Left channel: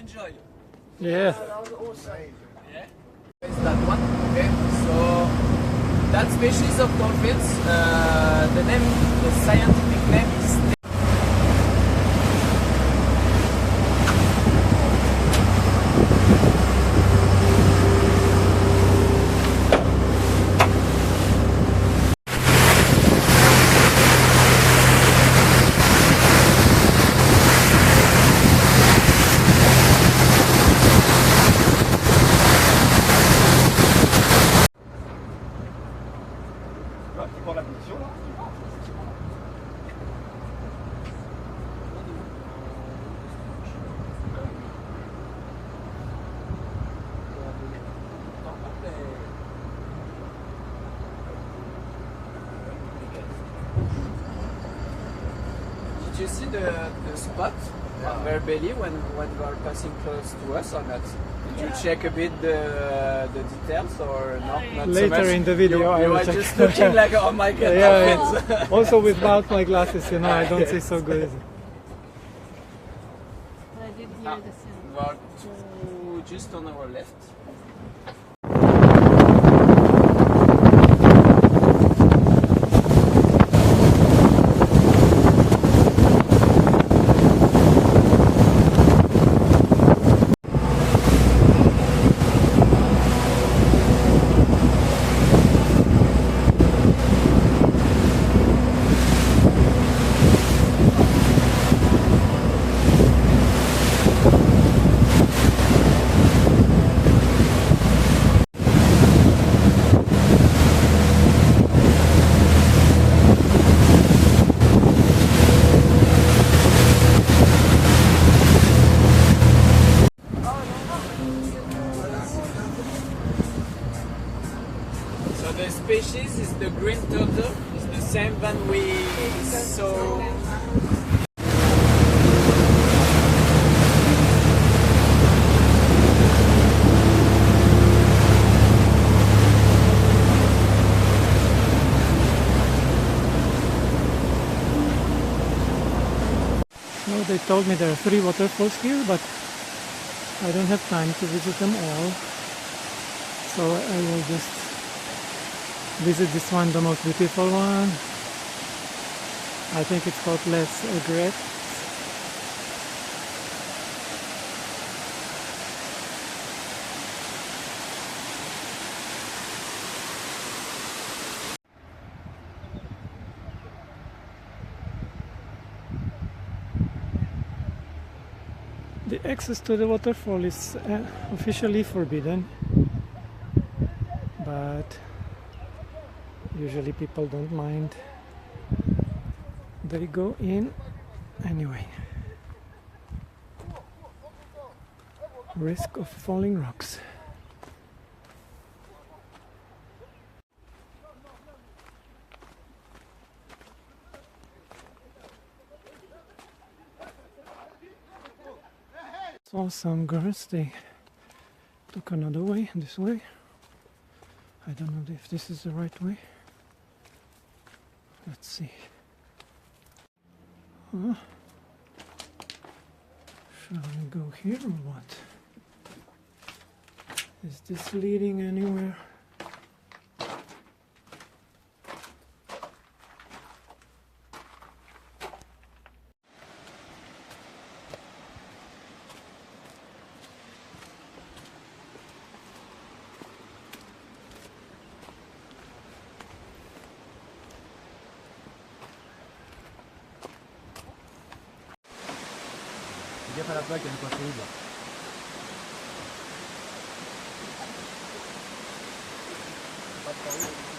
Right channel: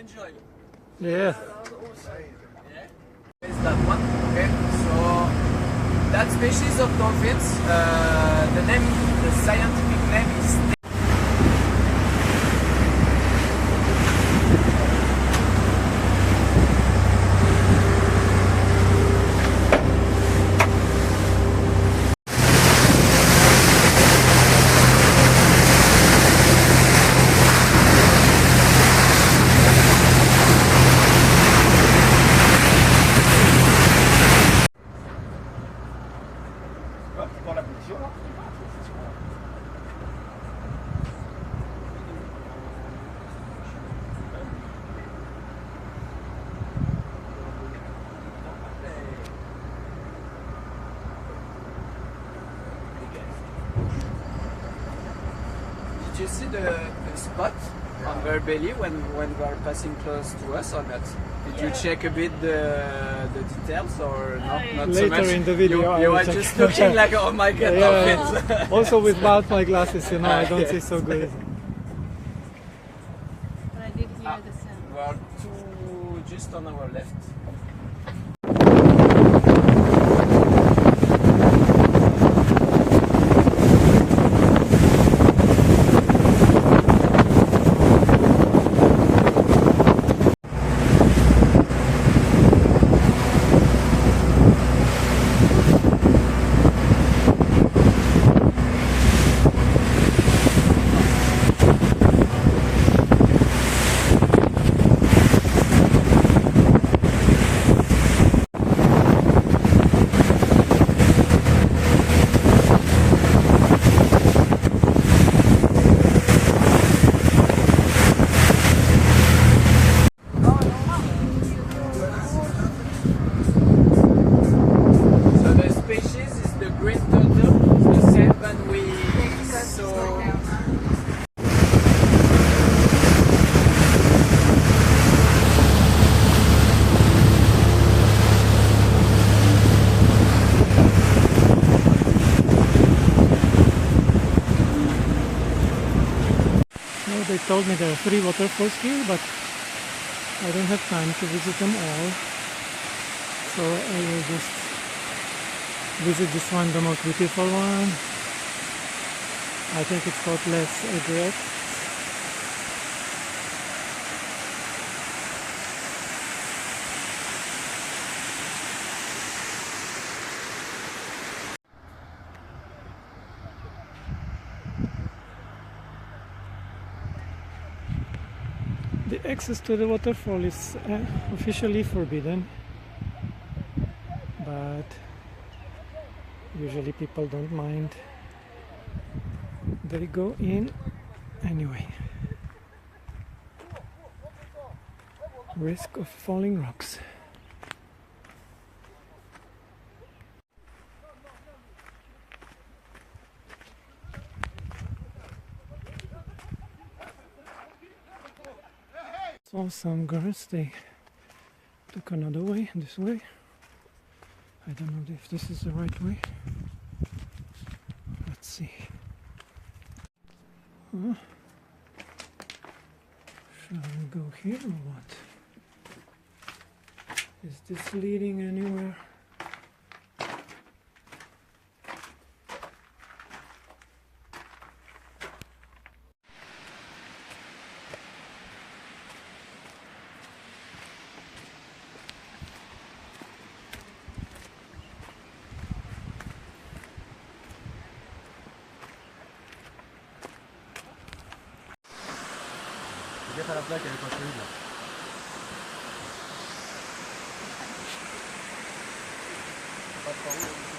enjoy. Yeah. Yeah. Is that one? Okay. So that species of dolphins, the name, the scientific name is. Pour la position là. Did you see the spot on their belly when they are passing close to us or not? Did you check a bit the details or not Later so much? in the video, I you will were check. just looking like, oh my god, Yeah, dolphins. yeah. Also without my glasses, you know, I don't see so good. But I did hear the sound. We are two just on our left. So the species is the green turtle, it's the same than we saw. No, they told me there are 3 waterfalls here, but I don't have time to visit them all. So I will just visit this one, the most beautiful one. I think it's called Aigrettes. The access to the waterfall is officially forbidden, but usually people don't mind. They go in anyway. Risk of falling rocks. Saw some girls, they took another way, this way. I don't know if this is the right way. Let's see. Shall we go here or what? Is this leading anywhere? Gaffe à la plaque, elle est pas solide là. Pas de pari.